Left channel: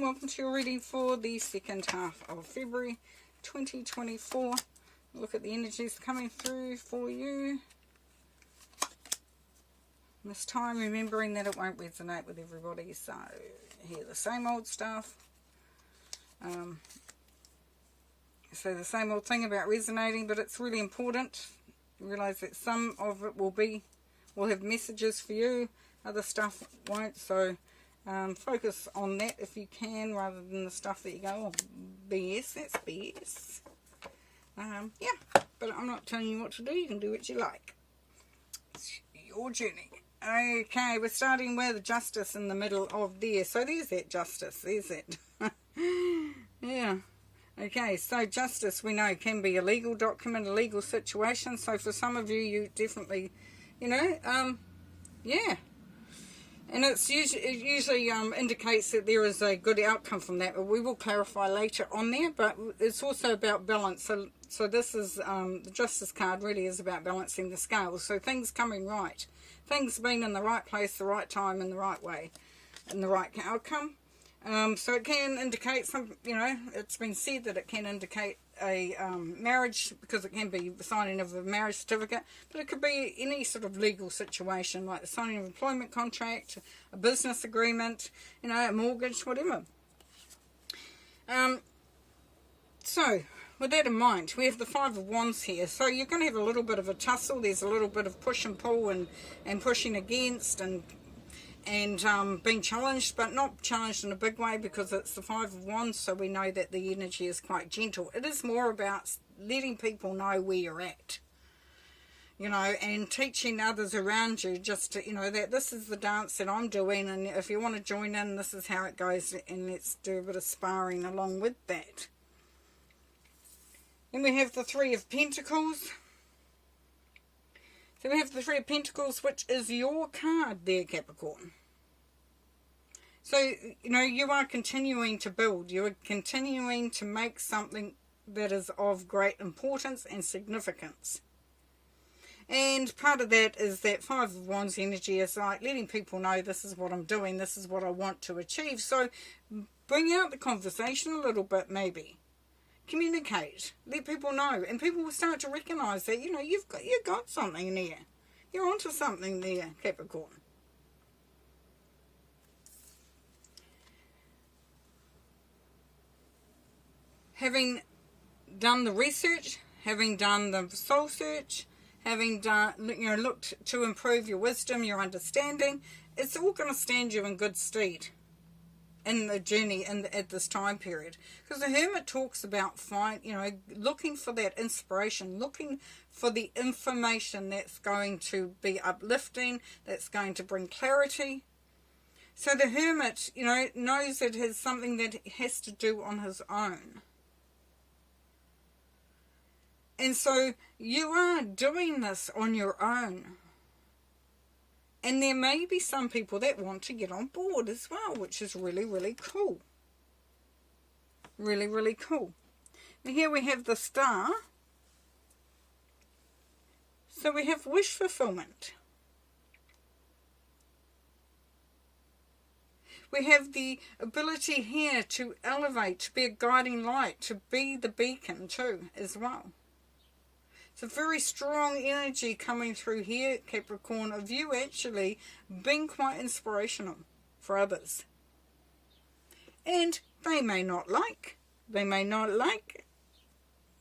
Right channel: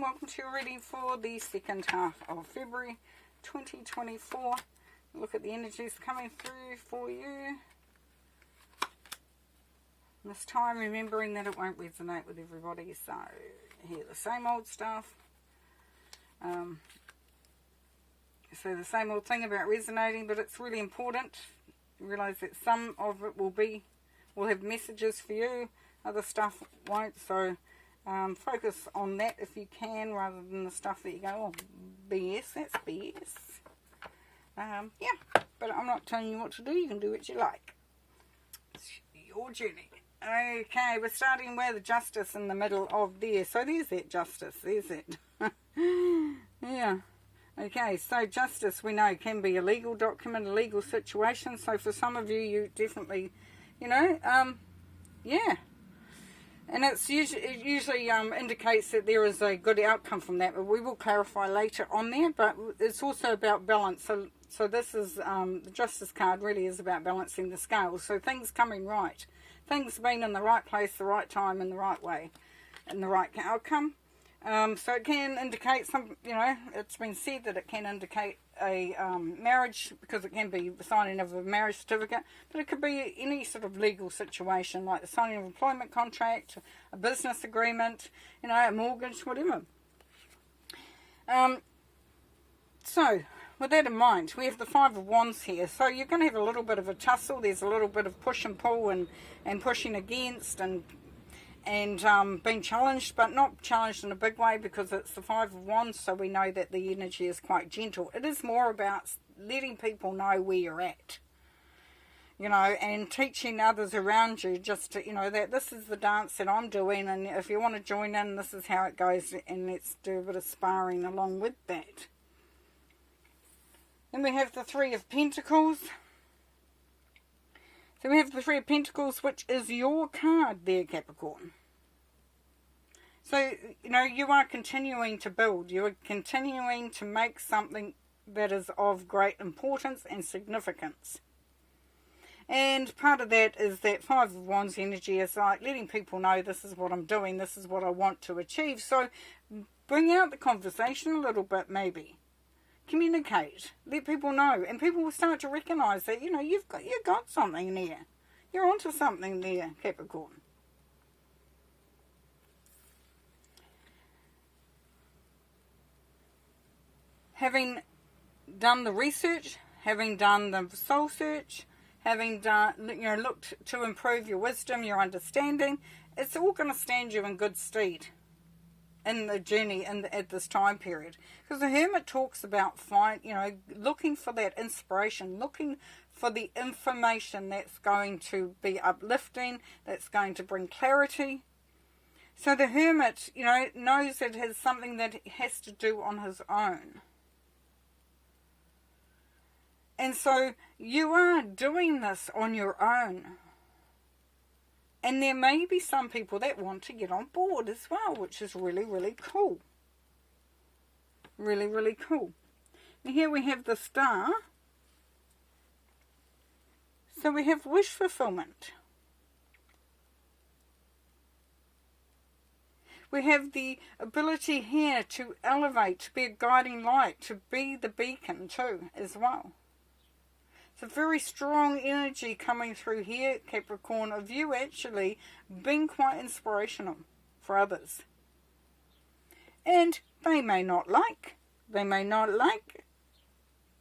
everyone, welcome to your reading for the second half of February 2024. Look at the energies coming through for you. This time remembering that it won't resonate with everybody, so hear the same old stuff. So the same old thing about resonating, but it's really important. Realize that some of it will have messages for you, other stuff won't, so focus on that if you can, rather than the stuff that you go, oh, BS, that's BS. Yeah, but I'm not telling you what to do. You can do what you like. It's your journey. Okay, we're starting with justice in the middle of there. So there's that justice. There's it. Yeah. Okay, so justice, we know, can be a legal document, a legal situation. So for some of you, you definitely, yeah. And it usually indicates that there is a good outcome from that. But we will clarify later on there. But it's also about balance. So this is, the Justice card really is about balancing the scales. So things coming right. Things being in the right place, the right time, in the right way, and the right outcome. So it can indicate some, it's been said that it can indicate a marriage, because it can be the signing of a marriage certificate, but it could be any sort of legal situation, like the signing of an employment contract, a business agreement, a mortgage, whatever. So, with that in mind, we have the Five of Wands here. So you're going to have a little bit of a tussle. There's a little bit of push and pull and pushing against and being challenged, but not challenged in a big way, because it's the Five of Wands, so we know that the energy is quite gentle. It is more about letting people know where you're at, and teaching others around you just to, that this is the dance that I'm doing, and if you want to join in, this is how it goes, and let's do a bit of sparring along with that. Then we have the Three of Pentacles. So we have the Three of Pentacles, which is your card there, Capricorn. So, you are continuing to build. You are continuing to make something that is of great importance and significance. And part of that is that Five of Wands energy is like letting people know, this is what I'm doing, this is what I want to achieve. So bring out the conversation a little bit, maybe. Communicate, let people know, and people will start to recognise that you've got something there. You're onto something there, Capricorn. Having done the research, having done the soul search, having done looked to improve your wisdom, your understanding, it's all going to stand you in good stead in the journey at this time period, because the Hermit talks about looking for that inspiration, looking for the information that's going to be uplifting, that's going to bring clarity. So the Hermit knows it has something that he has to do on his own, and so you are doing this on your own. And there may be some people that want to get on board as well, which is really, really cool. Really, really cool. And here we have the Star. So we have wish fulfillment. We have the ability here to elevate, to be a guiding light, to be the beacon too, as well. It's a very strong energy coming through here, Capricorn, of you actually being quite inspirational for others. And they may not like.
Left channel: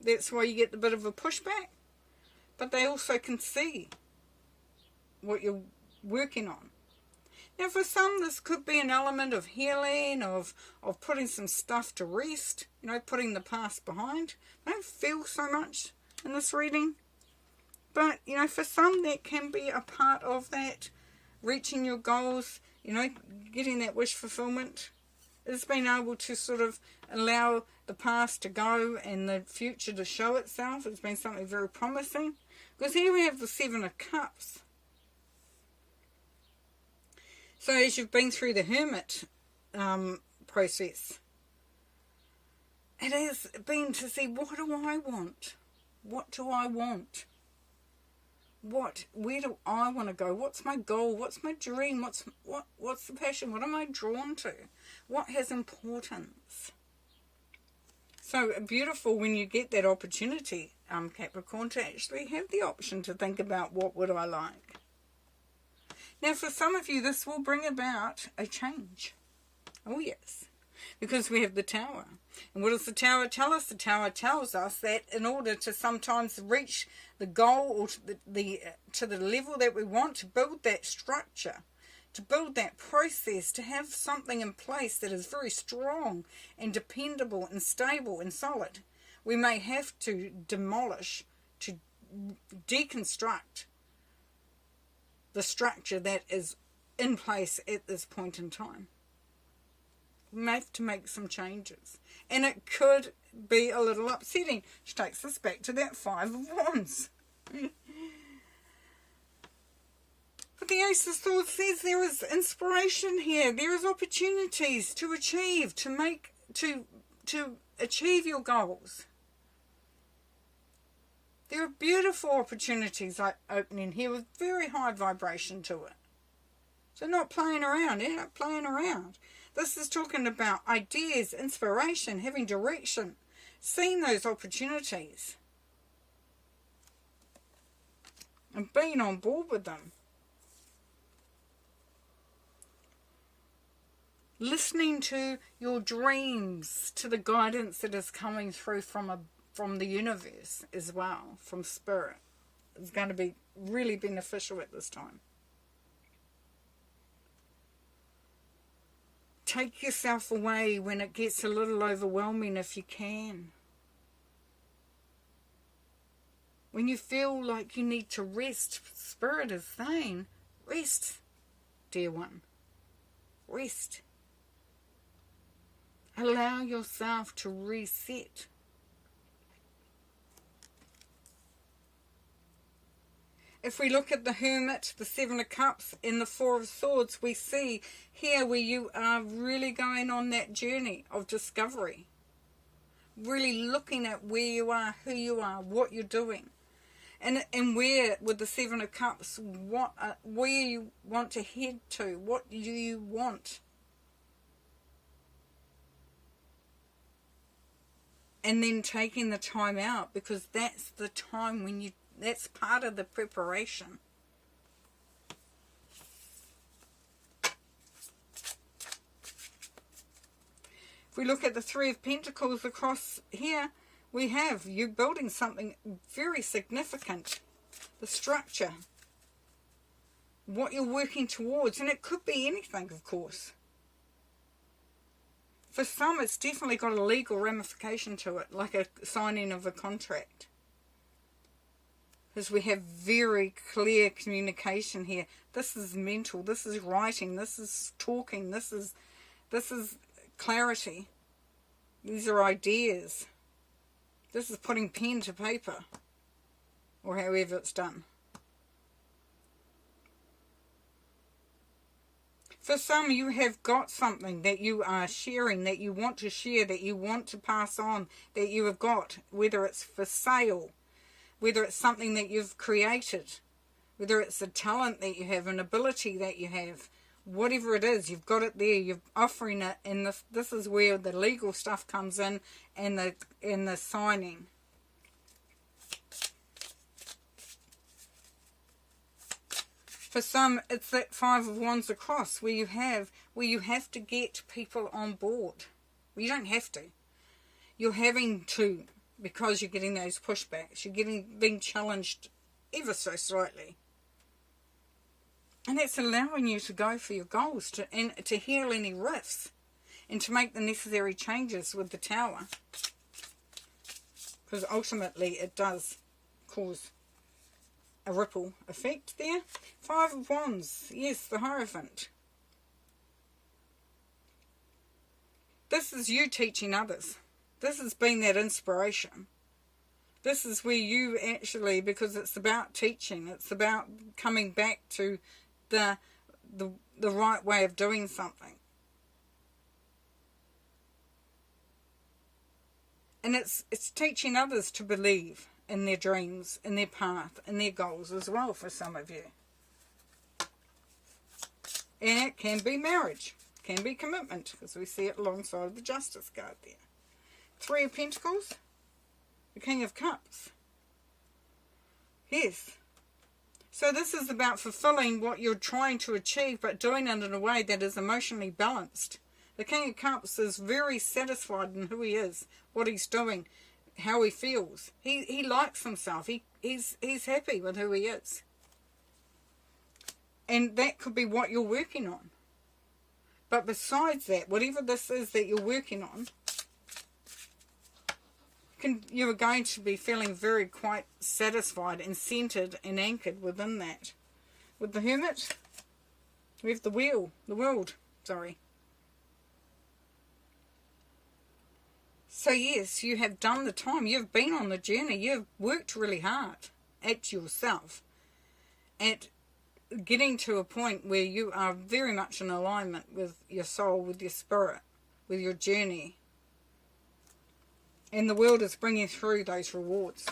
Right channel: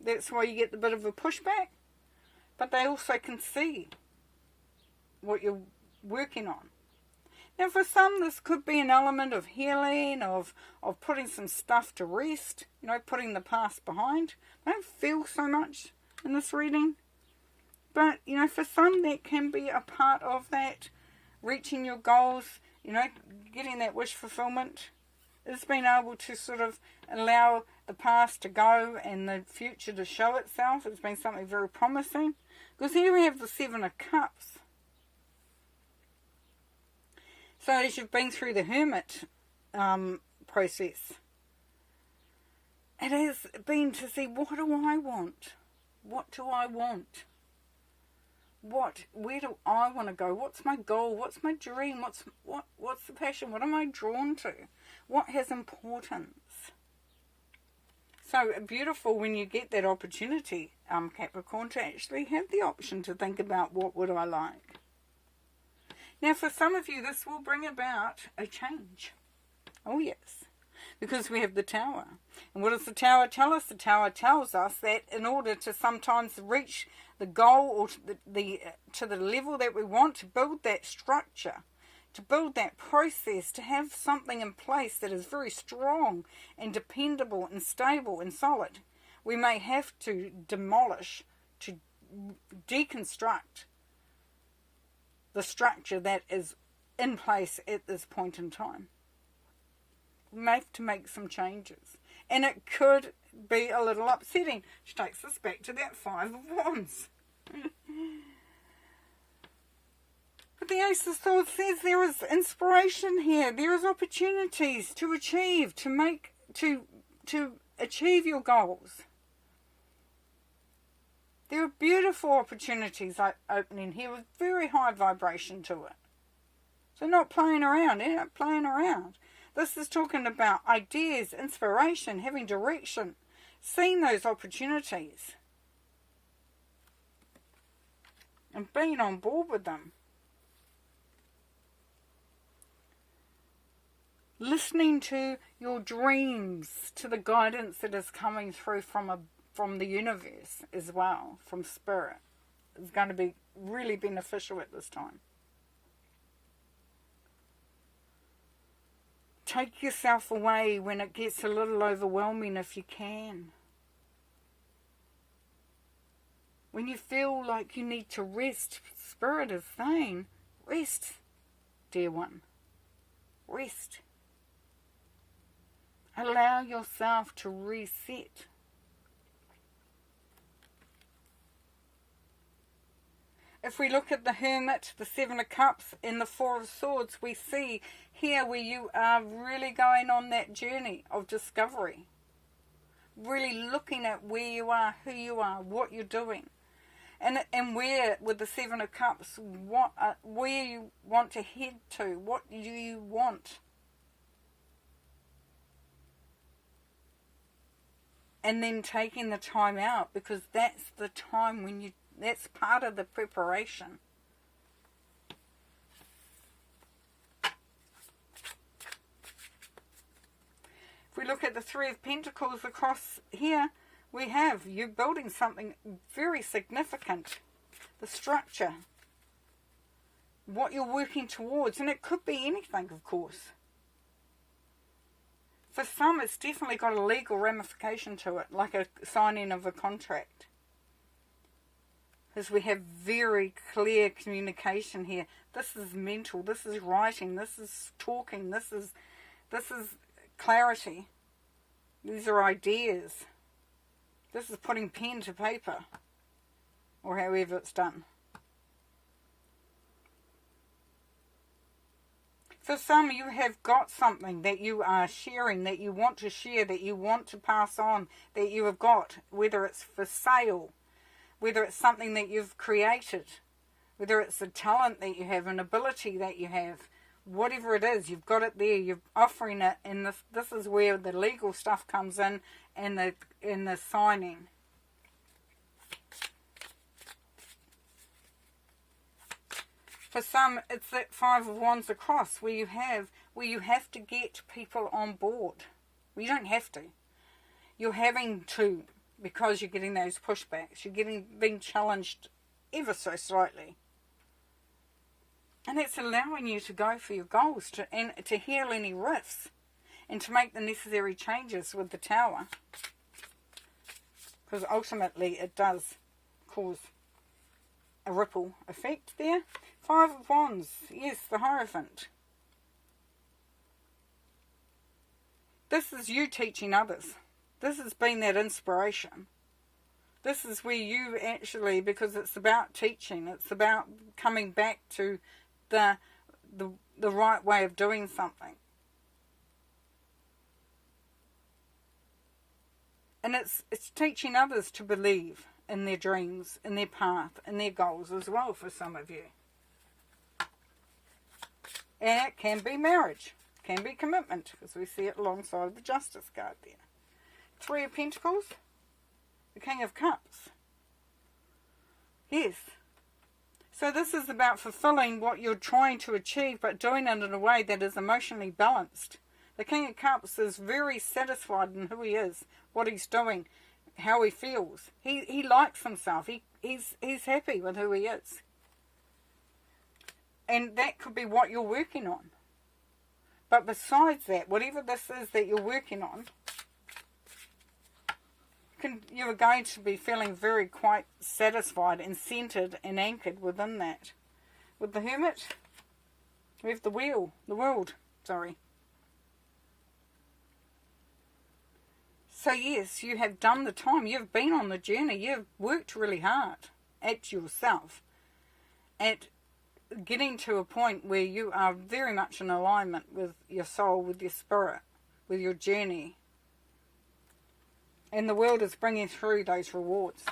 That's why you get a bit of a pushback. But they also can see what you're working on. Now for some, this could be an element of healing, of putting some stuff to rest, putting the past behind. I don't feel so much in this reading, but for some that can be a part of that, reaching your goals, getting that wish fulfillment, is being able to sort of allow the past to go and the future to show itself. It's been something very promising, because here we have the Seven of Cups. So as you've been through the Hermit process, it has been to see, what do I want? What do I want? Where do I want to go? What's my goal? What's my dream? What's the passion? What am I drawn to? What has importance? So beautiful when you get that opportunity, Capricorn, to actually have the option to think about what would I like. Now, for some of you, this will bring about a change. Oh, yes. Because we have the Tower. And what does the Tower tell us? The Tower tells us that in order to sometimes reach the goal or to the level that we want, to build that structure, to build that process, to have something in place that is very strong and dependable and stable and solid, we may have to demolish, to deconstruct the structure that is in place at this point in time. We may have to make some changes. And it could be a little upsetting, which takes us back to that Five of Wands. But the Ace of Swords says there is inspiration here. There is opportunities to achieve, to achieve your goals. There are beautiful opportunities opening here with very high vibration to it. So not playing around, not playing around. This is talking about ideas, inspiration, having direction, seeing those opportunities and being on board with them. Listening to your dreams, to the guidance that is coming through from the universe as well, from spirit, is going to be really beneficial at this time. Take yourself away when it gets a little overwhelming if you can. When you feel like you need to rest, Spirit is saying, rest, dear one. Rest. Allow yourself to reset. If we look at the Hermit, the Seven of Cups, and the Four of Swords, we see here where you are really going on that journey of discovery. Really looking at where you are, who you are, what you're doing. And where, with the Seven of Cups, where you want to head to, what do you want? And then taking the time out, because that's the time when that's part of the preparation. If we look at the Three of Pentacles across here, we have you building something very significant. The structure. What you're working towards. And it could be anything, of course. For some, it's definitely got a legal ramification to it, like a signing of a contract. Because we have very clear communication here. This is mental, this is writing, this is talking, this is clarity. These are ideas. This is putting pen to paper, or however it's done. For some, you have got something that you are sharing, that you want to share, that you want to pass on, that you have got, whether it's for sale, whether it's something that you've created, whether it's a talent that you have, an ability that you have, whatever it is, you've got it there, you're offering it, and this is where the legal stuff comes in, and the signing. For some, it's that Five of Wands across, where you have to get people on board. Well, you don't have to. You're having to, because you're getting those pushbacks. You're being challenged ever so slightly. And it's allowing you to go for your goals, and to heal any rifts, and to make the necessary changes with the Tower. Because ultimately it does cause a ripple effect there. Five of Wands, yes, the Hierophant. This is you teaching others. This has been that inspiration. This is where you actually, because it's about teaching, it's about coming back to the right way of doing something. And it's teaching others to believe in their dreams, in their path, in their goals as well for some of you. And it can be marriage. can be commitment, as we see it alongside the Justice card there. 3 of Pentacles, the King of Cups. Yes. So this is about fulfilling what you're trying to achieve, but doing it in a way that is emotionally balanced. The King of Cups is very satisfied in who he is, what he's doing, how he feels. He likes himself. He's happy with who he is. And that could be what you're working on. But besides that, whatever this is that you're working on, you're going to be feeling very quite satisfied and centered and anchored within that. With the Hermit, we have the world, sorry. So yes, you have done the time. You've been on the journey. You've worked really hard at yourself, at getting to a point where you are very much in alignment with your soul, with your spirit, with your journey. And the world is bringing through those rewards,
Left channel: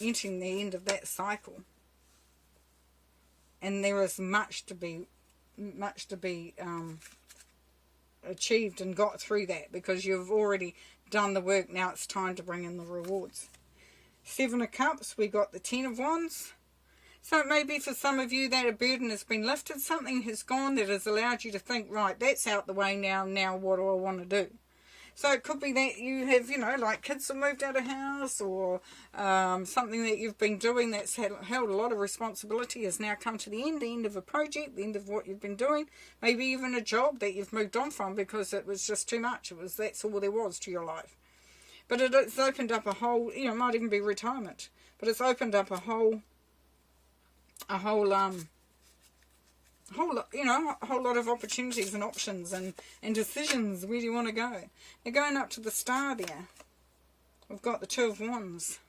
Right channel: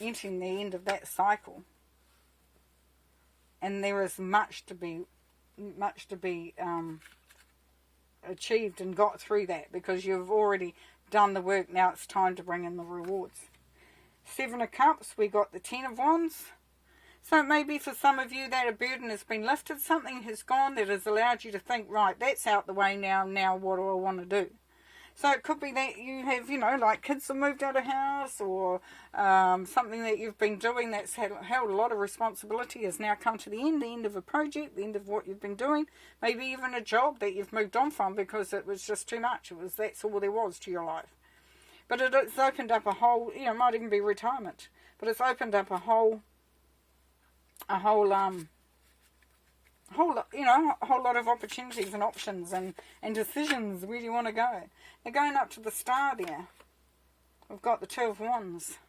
entering the end of that cycle. And there is much to be achieved and got through that, because you've already done the work. Now it's time to bring in the rewards. 7 of Cups, we got the 10 of Wands. So it may be for some of you that a burden has been lifted, something has gone that has allowed you to think, right, that's out the way now what do I want to do? So it could be that you have, like kids have moved out of house, or something that you've been doing that's held a lot of responsibility has now come to the end of a project, the end of what you've been doing. Maybe even a job that you've moved on from because it was just too much. That's all there was to your life. But it's opened up a whole, it might even be retirement, but it's opened up a whole lot of opportunities and options and decisions. Where do you want to go? Now going up to the star there, we've got the 2 of Wands.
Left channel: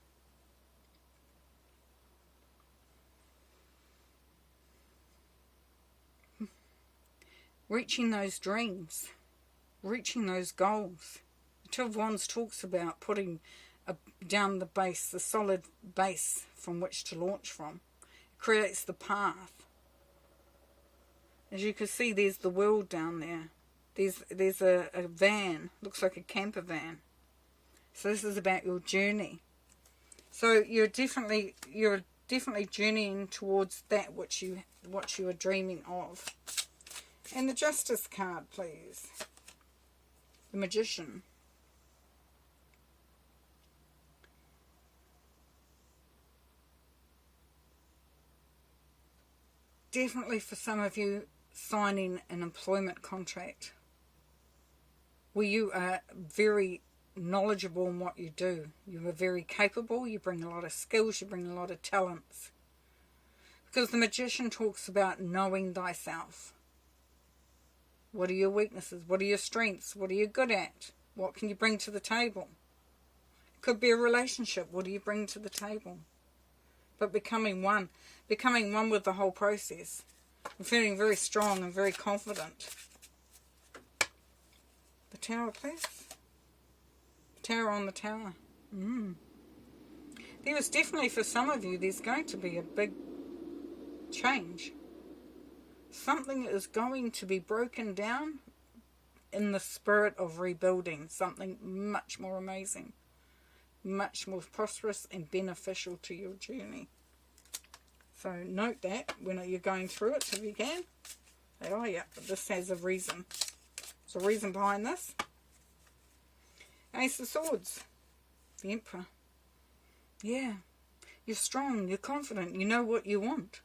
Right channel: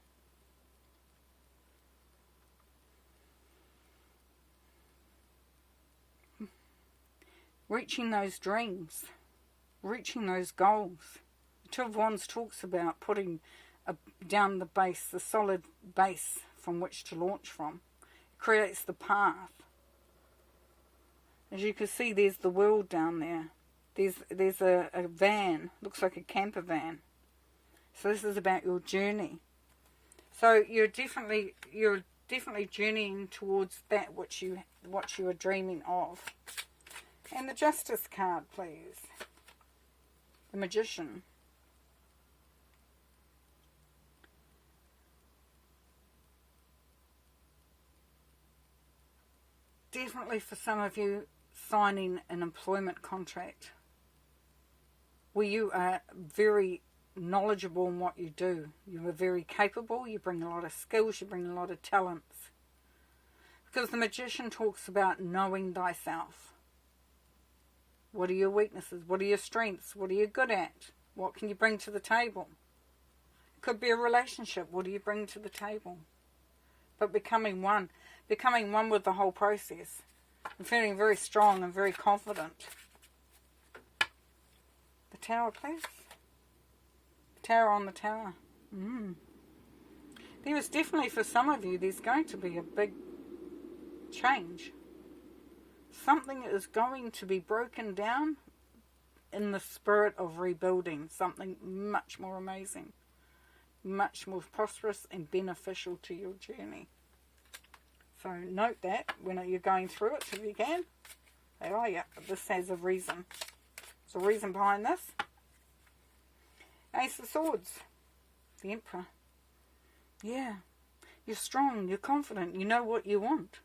Reaching those dreams, reaching those goals. The 2 of Wands talks about putting down the base, the solid base from which to launch from. It creates the path. As you can see, there's the world down there. There's a van, looks like a camper van. So this is about your journey. So you're definitely journeying towards that what you are dreaming of. And the Justice card, please. The Magician. Definitely for some of you, signing an employment contract where you are very knowledgeable in what you do. You are very capable, you bring a lot of skills, you bring a lot of talents. Because the Magician talks about knowing thyself. What are your weaknesses? What are your strengths? What are you good at? What can you bring to the table? It could be a relationship. What do you bring to the table? But becoming one with the whole process. I'm feeling very strong and very confident. The Tower, please. The Tower on the Tower. There is definitely, for some of you, there's going to be a big change. Something is going to be broken down in the spirit of rebuilding. Something much more amazing. Much more prosperous and beneficial to your journey. So note that when you're going through it, if you can. Oh yeah, but this has a reason. There's a reason behind this. Ace of Swords. The Emperor. Yeah. You're strong, you're confident, you know what you want.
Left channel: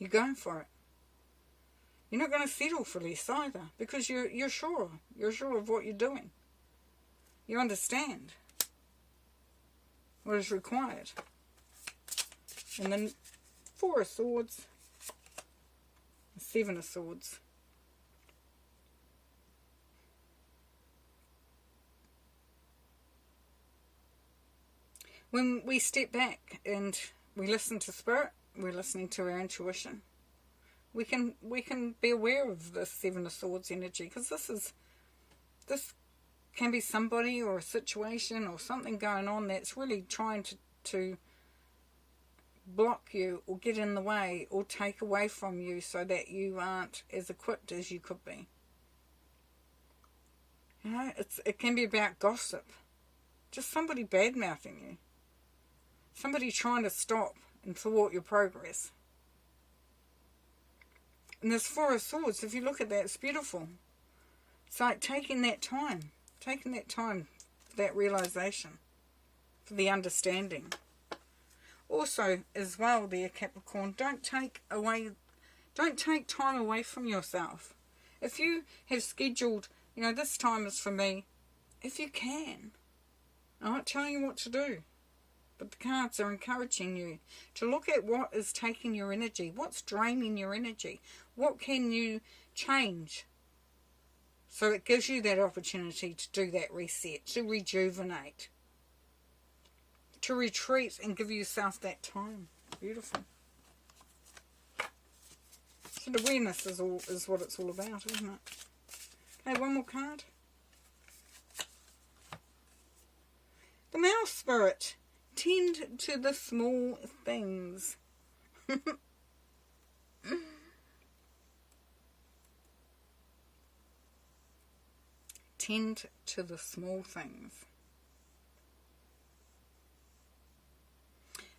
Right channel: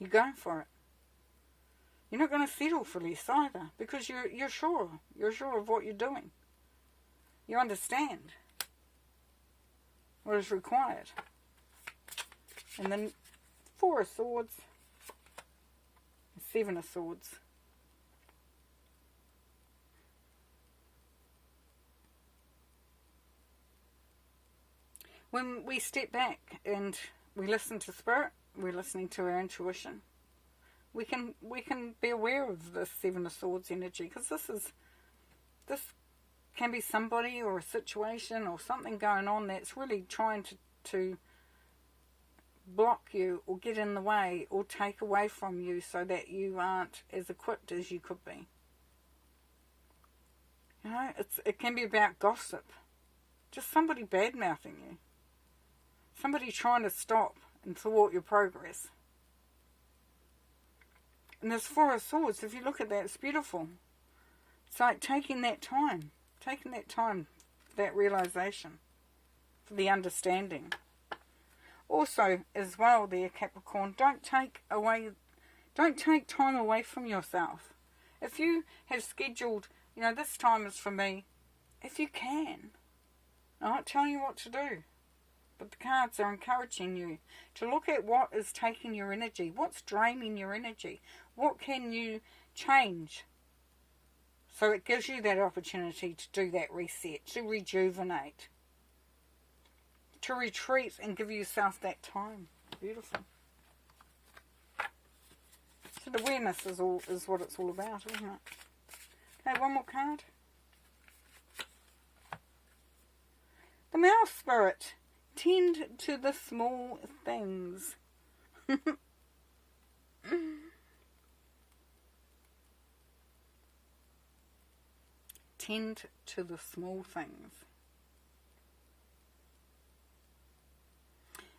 You're going for it. You're not going to settle for less either, because you're sure. You're sure of what you're doing. You understand what is required. And then 4 of Swords, 7 of Swords. When we step back and we listen to Spirit, we're listening to our intuition. We can be aware of the 7 of Swords energy, because this can be somebody or a situation or something going on that's really trying to block you or get in the way or take away from you so that you aren't as equipped as you could be. You know, it can be about gossip. Just somebody bad-mouthing you. Somebody trying to stop and thwart your progress. And this Four of Swords, if you look at that, it's beautiful. It's like taking that time for that realization, for the understanding. Also, as well, there, Capricorn, don't take time away from yourself. If you have scheduled, you know, this time is for me, if you can. I'm not telling you what to do, but the cards are encouraging you to look at what is taking your energy, what's draining your energy, what can you change. So it gives you that opportunity to do that reset, to rejuvenate, to retreat and give yourself that time. Beautiful. So awareness is what it's all about, isn't it? Okay, one more card. The Mouse Spirit. Tend to the small things. Tend to the small things.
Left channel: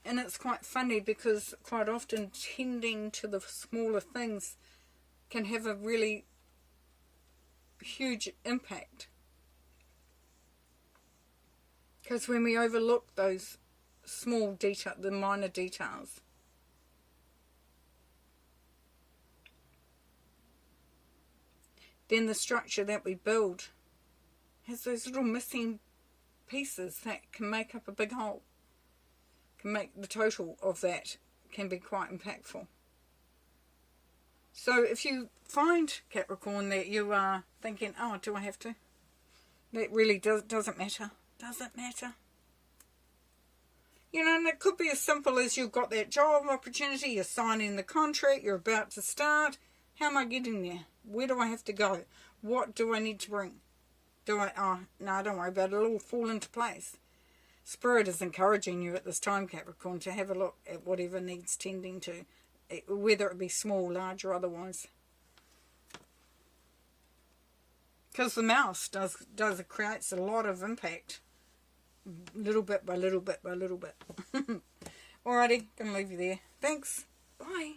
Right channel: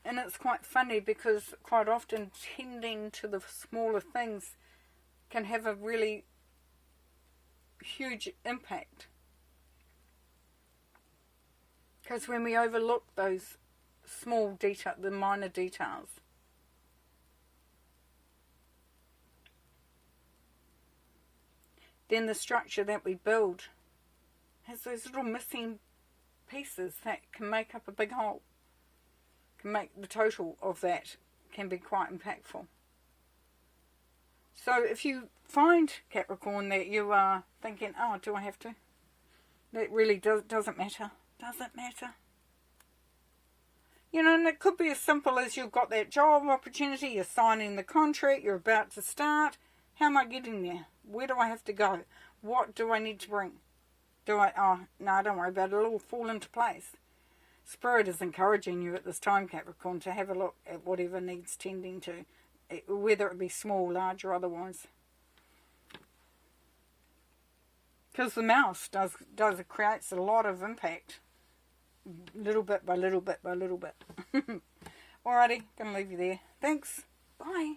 And it's quite funny because quite often tending to the smaller things can have a really huge impact. Because when we overlook those small details, the minor details, then the structure that we build has those little missing pieces that can make up a big whole. Can make the total of that can be quite impactful. So if you find, Capricorn, that you are thinking, oh, do I have to? That really doesn't matter. Doesn't matter. You know, and it could be as simple as you've got that job opportunity, you're signing the contract, you're about to start. How am I getting there? Where do I have to go? What do I need to bring? Oh, no, don't worry about it. It'll all fall into place. Spirit is encouraging you at this time, Capricorn, to have a look at whatever needs tending to, whether it be small, large, or otherwise. Because the mouse creates a lot of impact, little bit by little bit by little bit. Alrighty, gonna leave you there. Thanks. Bye.